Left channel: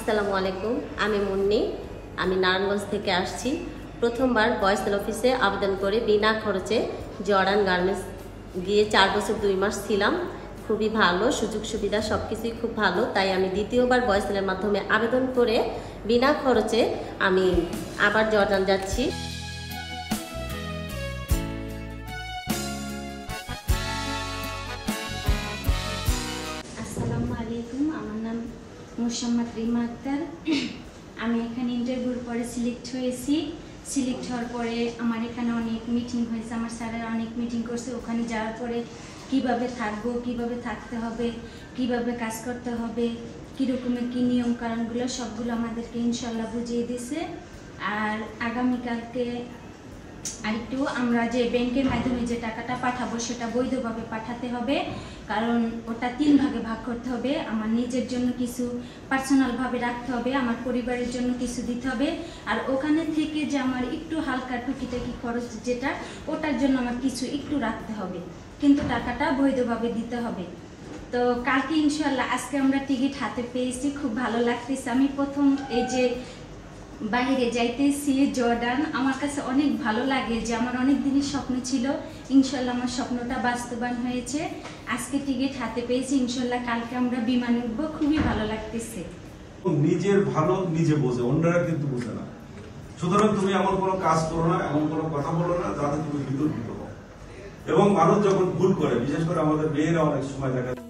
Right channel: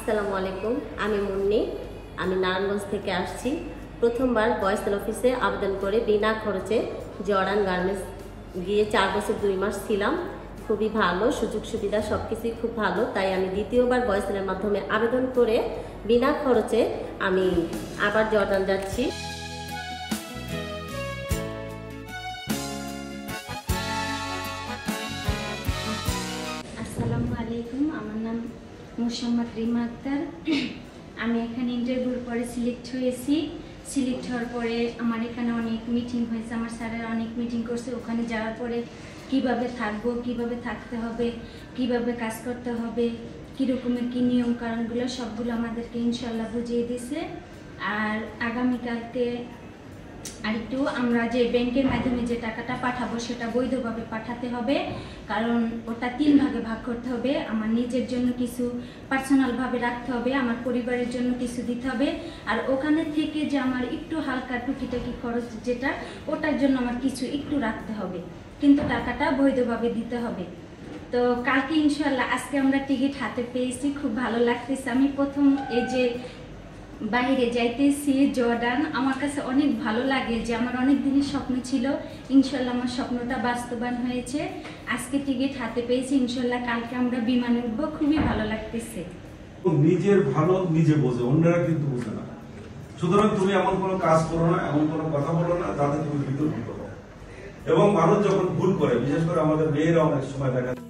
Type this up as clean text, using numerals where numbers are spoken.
আসসালামু আলাইকুম, আমি মুন্নি। আমি নারায়ণগঞ্জ থেকে আসছি। প্রথমবার ভয়েসেল অফিসে আবেদন করে বিনা খরচে জর্ডান গার্মেন্টস গিয়ে 4 বছর 2 মাস ছিলাম। খুবই ভালো, সুযোগ সুবিধা সব কিছুই খুব ভালো। তাই আমি দ্বিতীয়বার ভয়েসেলের মাধ্যমে আবেদন করে বিনা খরচে আমি আবার জর্ডান যাচ্ছি। আসসালামু আলাইকুম, আমার নাম মোসাম্মদ রিমা আক্তার। আমি এখানে ইন্টারভিউর পরে সিলেক্ট হয়েছি। সিলেক্ট হওয়ার পরে আমার এখানে অনেক মিটিং হয়েছে, আমার স্যারেরা অনেক মিটিং করছে। ওখানে যাওয়ার পরে কিভাবে থাকবো, কিভাবে থাকতে হবে, কিভাবে কাজ করতে হবে, কীরকমের কী নিয়ম কারণগুলো সবগুলো আমাদেরকে ইনশাল্লাহ বুঝিয়ে দিছে। আর আগামীকালকে আরেকটু আমরা যে ব্যাংকের মাধ্যমে যে টাকাটা পাঠাবো সেটা বৈধভাবে পাঠাতে হবে, কারণ ওটা 3 ভাগে ভাগ করতে হবে। আমার নিজের জন্য কিছু পার্সোনালভাবে রাখতে হবে, আমার পরিবারের জন্য কিছু দিতে হবে, আর ওখানে থেকে যে আমার একটু হালকা টুকিটাকি খরচ যেটা ওটার জন্য আমার কিছু একটু রাখতে হবে, কিন্তু টাকাটা বৈধভাবে দিতে হবে। তো কালকে ইনশাল্লাহ, আজকে আমরা টিকিট হাতে পেয়েছি, খুব ভালো লাগতেছে। আমি প্রথম এই যে বাইরে যাইতেছি জর্ডান, আমার কাছে অনেক ভালো লাগে, যে আমার অনেক দিনের স্বপ্ন ছিল। ইনশাল্লাহ আমার স্বপ্নটা বাস্তবায়ন হয়েছে। আজকে টিকিট হাতে পেয়েছি, ইনশাল্লাহ কালকে আমরা বিমানে উঠবো, খুবই ভালো লাগতেছে। নিজের ভালো নিজে বোঝে, অন্যরা কিন্তু বোঝে না। সুতরাং তুমি এমন কোনো কাজ করো না, এমন কোনো কথা বলো না যাতে তুমি বিতর্কিত হও। এবং মানুষ যখন ভুল করে, বিশেষ করে আমাদের মেয়েরা অনেক সময় দেখা